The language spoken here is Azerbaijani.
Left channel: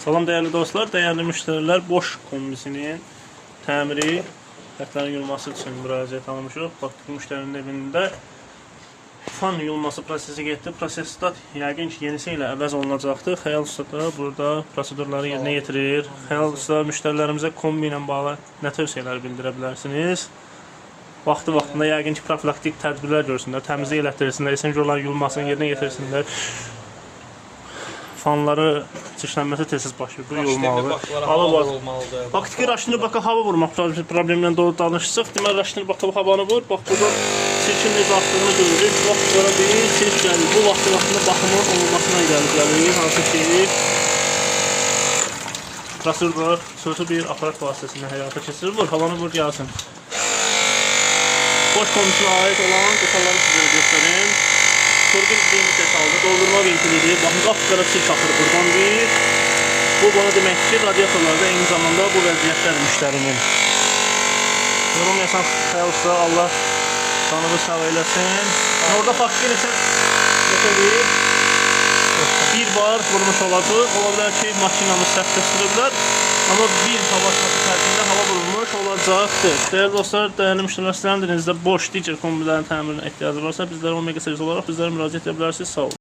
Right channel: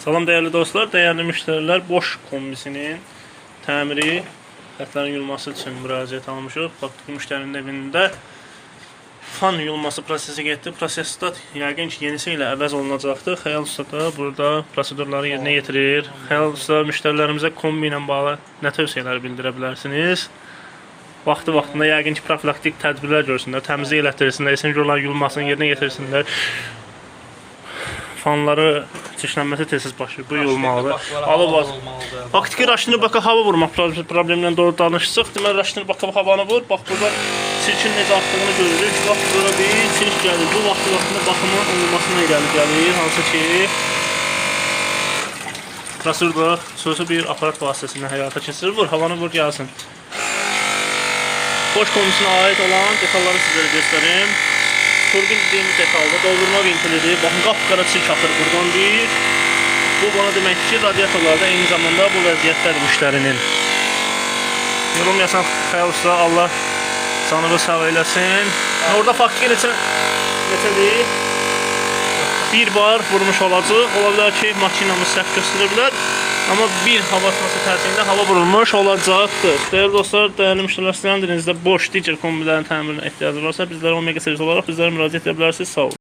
Salam dəyərli dostlar, dəyərli müştərilər, boş kombisinin təmiri, xətlərin yuyulması üçün müraciət almışıq. Baxdıq müştərinin evində fan yuyulması prosesi getdi. Prosesdə yəqin ki, yenisi ilə əvəz olunacaqdır. Xəyal Usta da burada prosedurları yerinə yetirir. Xəyal Usta müştərilərimizə kombi ilə bağlı nə tövsiyələr bildirə bilərsiniz? Vaxtında yəqin ki, profilaktik tədbirlər görsünlər, təmizlik elətdirsinlər, esenjorların yuyulmasını yerinə yetirsinlər. Fanları çirklənməsi tez-tez başlayır. Bu yuyulmalıdır. Alıb faktiki Raşnibaka hava vurmaq problemindən doğru danışsaq, deməli Raşnibaka havanı vur. Bax buradan çirkin necə axdığını görürük. Bax bura bir çirk gəlir. Bu vaxtında baxımın olunmasına irəli gəlir. Hansı ki prosedurda xüsusi bir aparat vasitəsilə həyata keçirilir. Vur, havanı vur gəlsin. Boş komisiyona aid olan detalları sizlərə göstərim. Turbin dediğimiz detalda doldurma vinkilidir. Baxın, qapqara çirk axır buradan bir. Bu bana demək ki, radiatorlarda eyni zamanda bu vəziyyətdədir müştərinin. Yorum yasan Xəyal Usta, Allah canını sağ eləsin. Orada faktiki neçədir? Bir bar vurmuş olacaq. Ola bilər ki, makinamız səhv göstərə bilər. Amma bir hava atması tərtibində hava vurulmuş olacaqdır. Dəyərli dostlar, dəyərli müştərilər, sizlərin dilinizdə boş digər kombilərin təmirinə ehtiyacı varsa, bizlərə Omega servis olaraq bizlərə müraciət edə bilərsiniz. Sağ olun.